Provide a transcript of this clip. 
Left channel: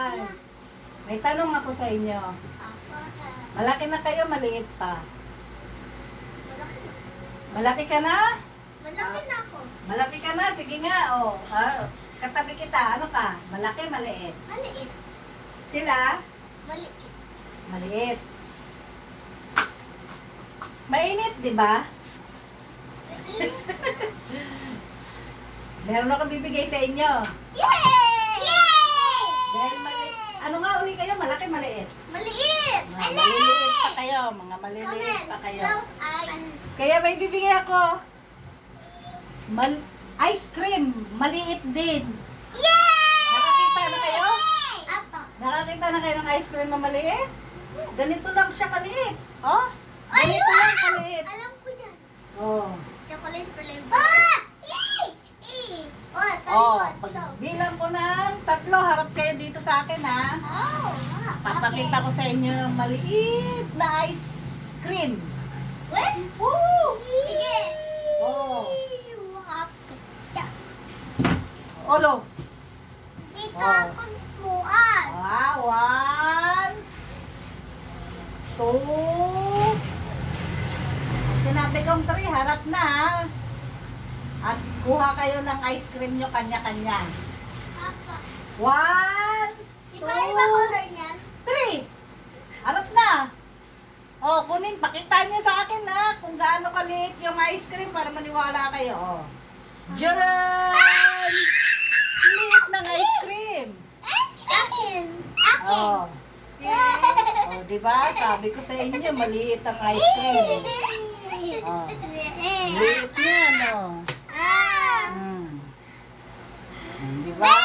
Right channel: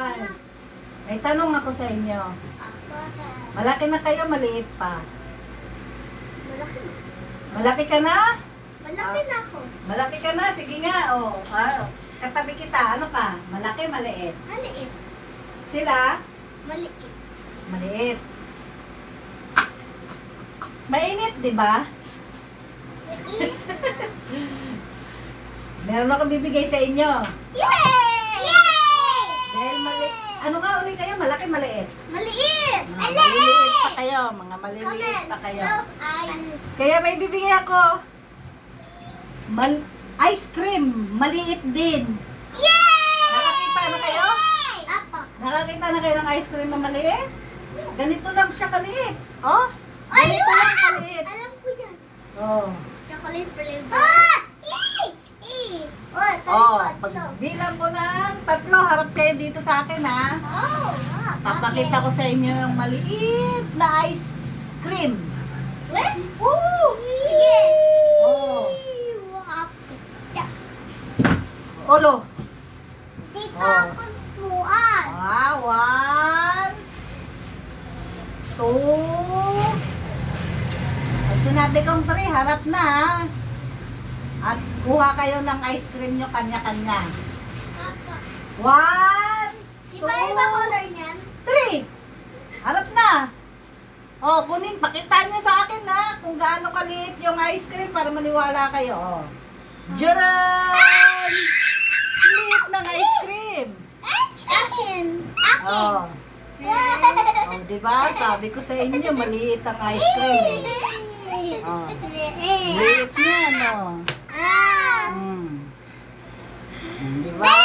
Ay, may tanong ako sa inyo. Malaki na kayo, maliit pa? Malaki. Malaki ka na? Malaki na ako. Malaki ka na? Sige nga, oh. Katabi kita, ano ka? Malaki, maliit? Maliit. Sila? Maliit. Maliit. Mainit, di ba? Maliit. Meron ako bibigay sa inyo. Yay! Yay! Dahil maliit. Ano nga uli kayo? Malaki, maliit? Maliit! Mga maliliit pa kayo. Mga maliliit pa kayo. Kaya may bibigay ako. Ice cream. Maliit din. Yay! Nakakita na kayo? Apo. Nakakita na kayo ng ice cream na maliit? Ganito lang siya kaliit. Oh? Ganito lang kaliit. Alam ko yan. Oh. Chocolate flavor. Ah! Yay! Oh, Oh, pag bilang ko ng 3, harap kayo dito sa akin, ha? Oh, wow. Papakita ko sa inyo yung maliit na ice cream. What? Woo! Sige. Oh. Olo. Dito Oh. ako tuan. Wow, 1, 2. Pag sinabi kong 3, harap na, ha? At kuha kayo ng ice cream nyo kanya-kanya. 1, Di ba iba color niyan? 3. Harap na. Oh, kunin, pakita nyo sa akin na kung gaano kaliit yung ice cream para maniwala kayo. Oh. Jaran! Liit ng ice cream. Akin. Oh. Oh, di ba? Sabi ko sa inyo, maliit ang ice cream. Oh. Liit yan, oh. Ah. Di ba?